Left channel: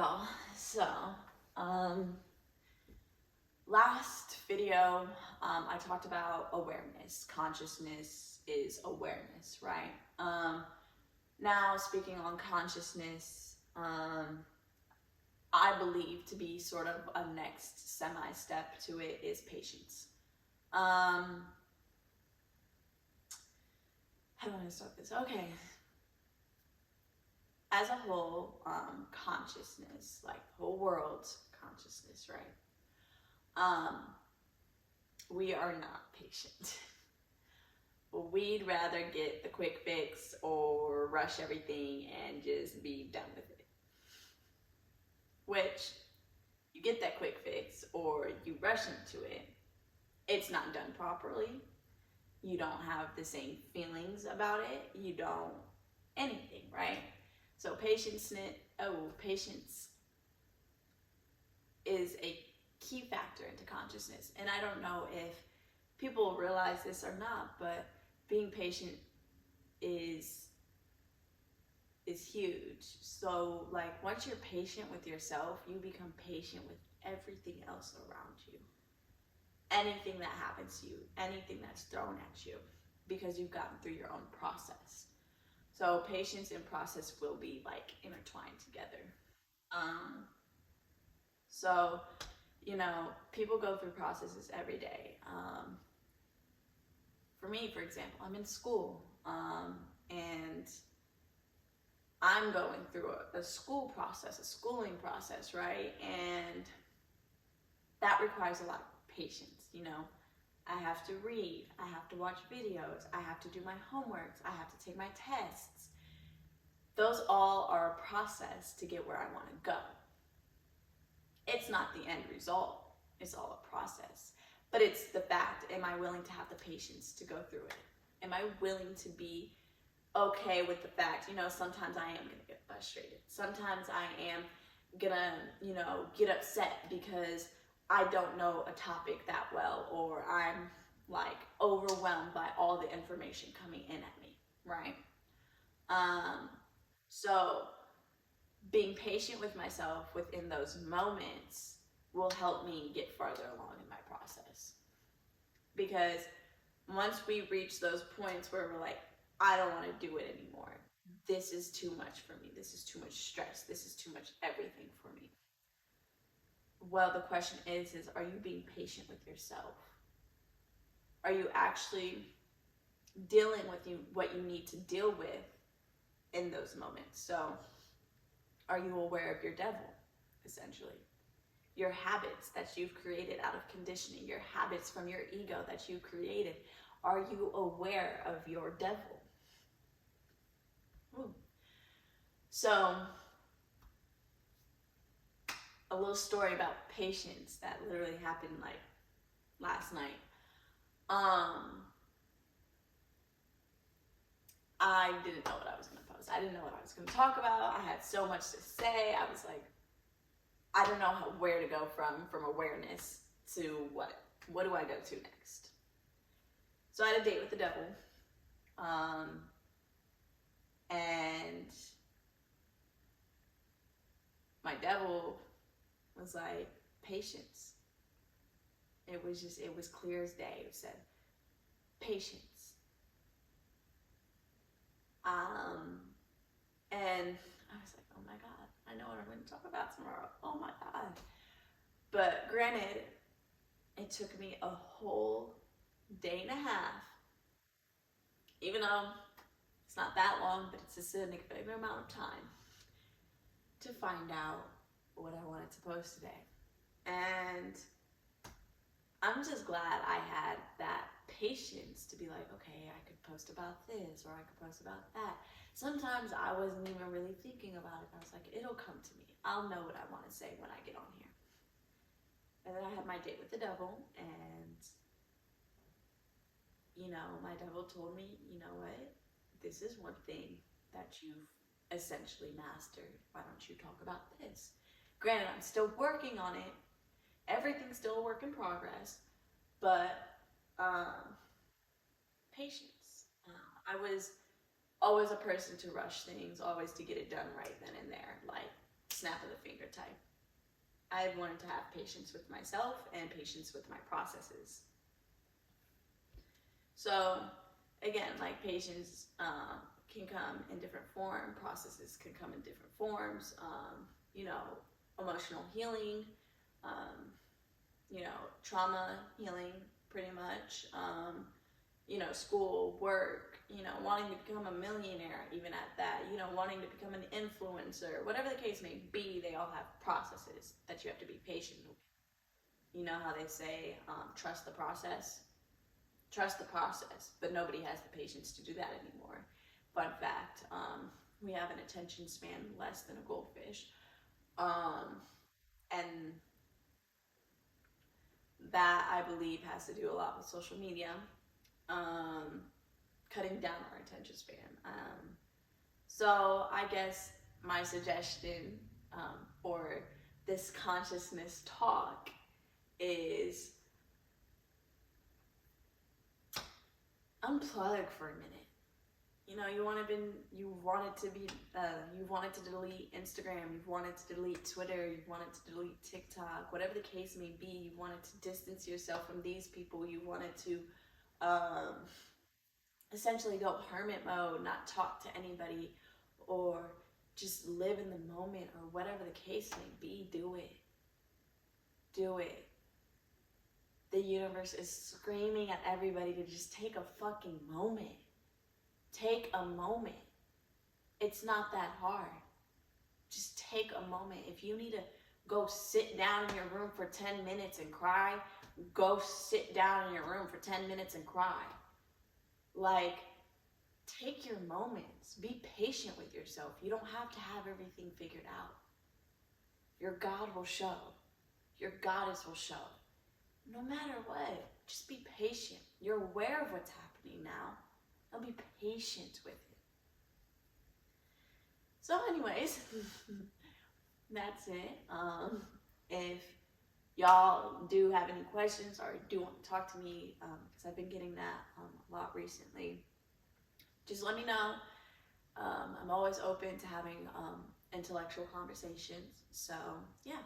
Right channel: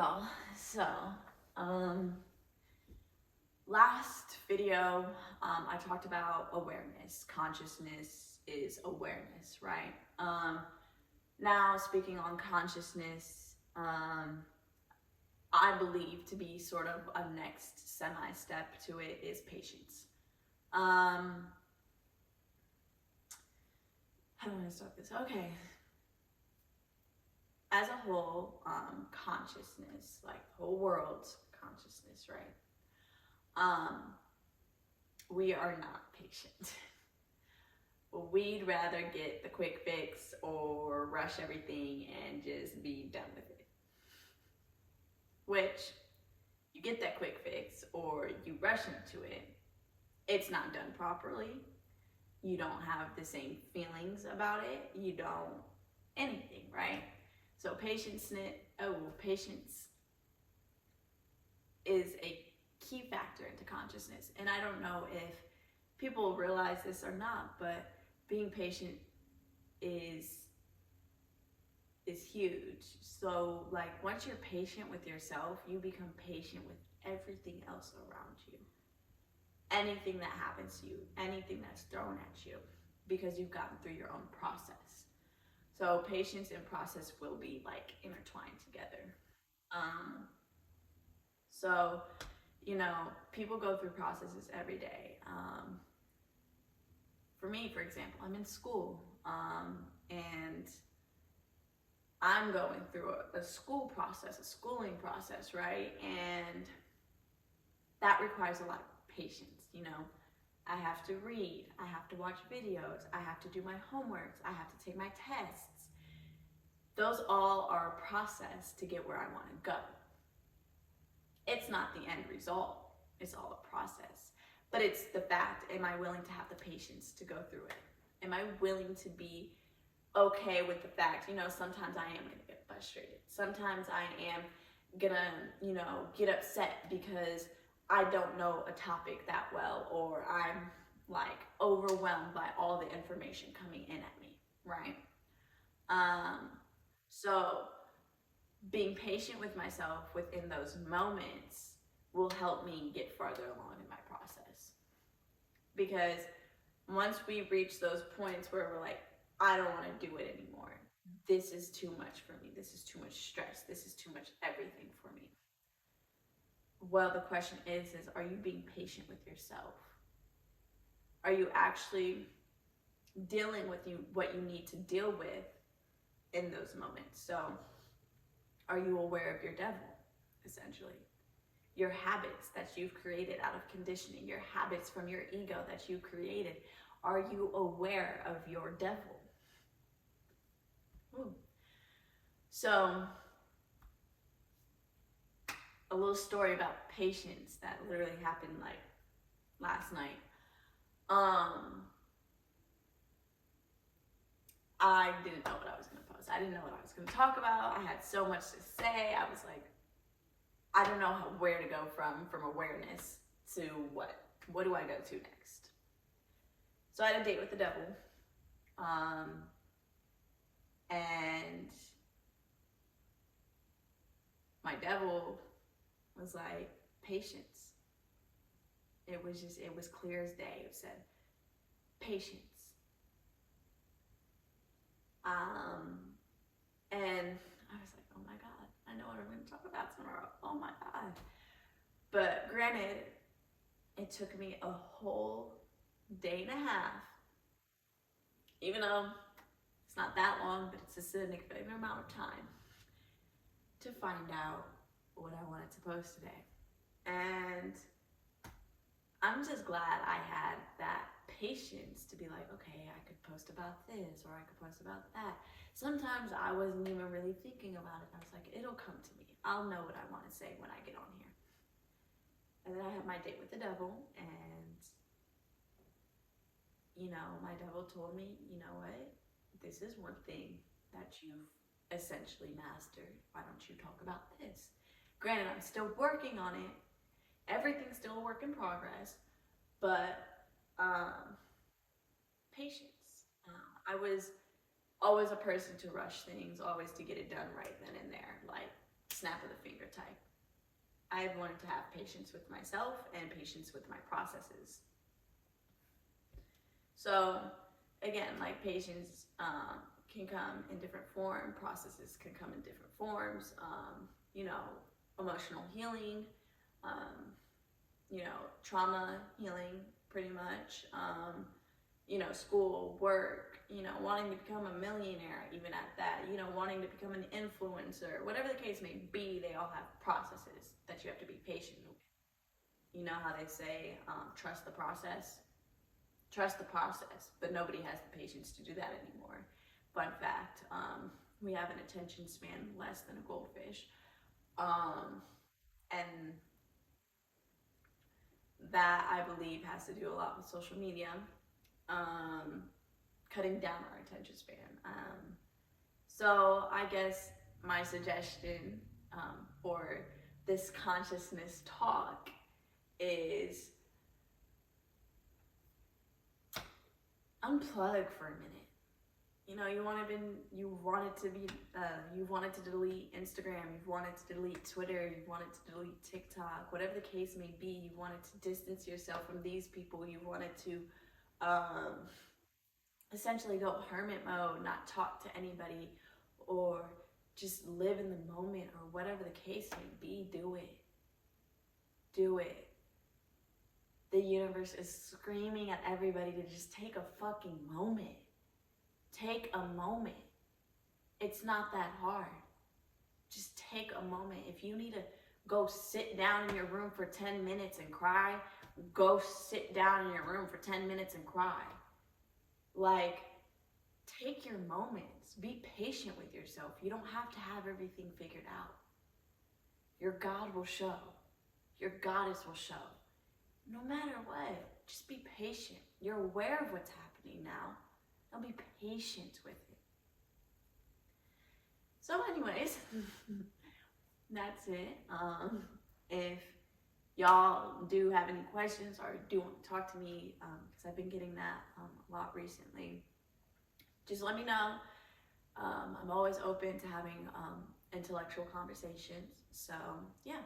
y'all. So, last video, I talked about awareness. Consciousness is awareness, right? Now speaking on consciousness, I believe to be sort of a next semi-step to it is patience. How do I want to start this? Okay. As a whole, consciousness, like the whole world's consciousness, right? We are not patient. We'd rather get the quick fix or rush everything and just be done with it. Which, you get that quick fix or you rush into it, it's not done properly. You don't have the same feelings about it. You don't anything, right? So patience is a key factor into consciousness. And I don't know if people realize this or not, but being patient is huge. So like once you're patient with yourself, you become patient with everything else around you. Anything that happens to you, anything that's thrown at you, because you've gotten through your own process. So patience and process will be like intertwined together. So, you know, people go through processes every day. For me, for example, I'm in school, and I'm going through a school process, a schooling process, right? And that requires a lot of patience, you know. I have to read, I have to watch videos, I have to do my homeworks, I have to take my tests. Those all are a process to get where I want to go. It's not the end result, it's all a process. But it's the fact, am I willing to have the patience to go through it? Am I willing to be okay with the fact, you know, sometimes I am gonna get frustrated. Sometimes I am gonna, you know, get upset because I don't know a topic that well, or I'm like overwhelmed by all the information coming in at me, right? So being patient with myself within those moments will help me get farther along in my process. Because once we reach those points where we're like, I don't want to do it anymore. This is too much for me. This is too much stress. This is too much everything for me. Well, the question is are you being patient with yourself? Are you actually dealing with what you need to deal with in those moments? So are you aware of your devil, essentially? Your habits that you've created out of conditioning, your habits from your ego that you created. Are you aware of your devil? Ooh. So, a little story about patience that literally happened like last night. I didn't know what I was going to post. I didn't know what I was going to talk about. I had so much to say. I was like, I don't know where to go from awareness to what. What do I go to next? So I had a date with the devil. And my devil was like, patience. It was clear as day. It said, patience. And I was like, oh my God, I know what I'm going to talk about tomorrow. Oh my God. But granted, it took me a whole day and a half, even though it's not that long, but it's a significant amount of time, to find out what I wanted to post today. And I'm just glad I had that patience to be like, okay, I could post about this or I could post about that. Sometimes I wasn't even really thinking about it. I was like, it'll come to me. I'll know what I want to say when I get on here. And then I had my date with the devil, and you know, my devil told me, you know what? This is one thing that you've essentially mastered. Why don't you talk about this? Granted, I'm still working on it. Everything's still a work in progress, but patience. I was always a person to rush things, always to get it done right then and there. Like, snap of the finger type. I've learned to have patience with myself and patience with my processes. So again, like patience can come in different forms, processes can come in different forms, you know, emotional healing, you know, trauma healing pretty much, you know, school, work, you know, wanting to become a millionaire, even at that, you know, wanting to become an influencer, whatever the case may be, they all have processes that you have to be patient with. You know how they say, trust the process? Trust the process, but nobody has the patience to do that anymore. Fun fact, we have an attention span less than a goldfish. And that, I believe, has to do a lot with social media, cutting down our attention span. So I guess my suggestion for this consciousness talk is unplug for a minute. You know, you wanted to delete Instagram, you've wanted to delete Twitter, you've wanted to delete TikTok, whatever the case may be, you wanted to distance yourself from these people, you wanted to essentially go hermit mode, not talk to anybody, or just live in the moment, or whatever the case may be. Do it. Do it. The universe is screaming at everybody to just take a fucking moment. Take a moment. It's not that hard. Just take a moment. If you need to go sit down in your room for 10 minutes and cry, go sit down in your room for 10 minutes and cry. Like, take your moments. Be patient with yourself. You don't have to have everything figured out. Your God will show. Your goddess will show. No matter what, just be patient. You're aware of what's happening now. Now be patient with it. So anyways, that's it. If y'all do have any questions or do want to talk to me, because I've been getting that a lot recently, just let me know. I'm always open to having intellectual conversations. So yeah.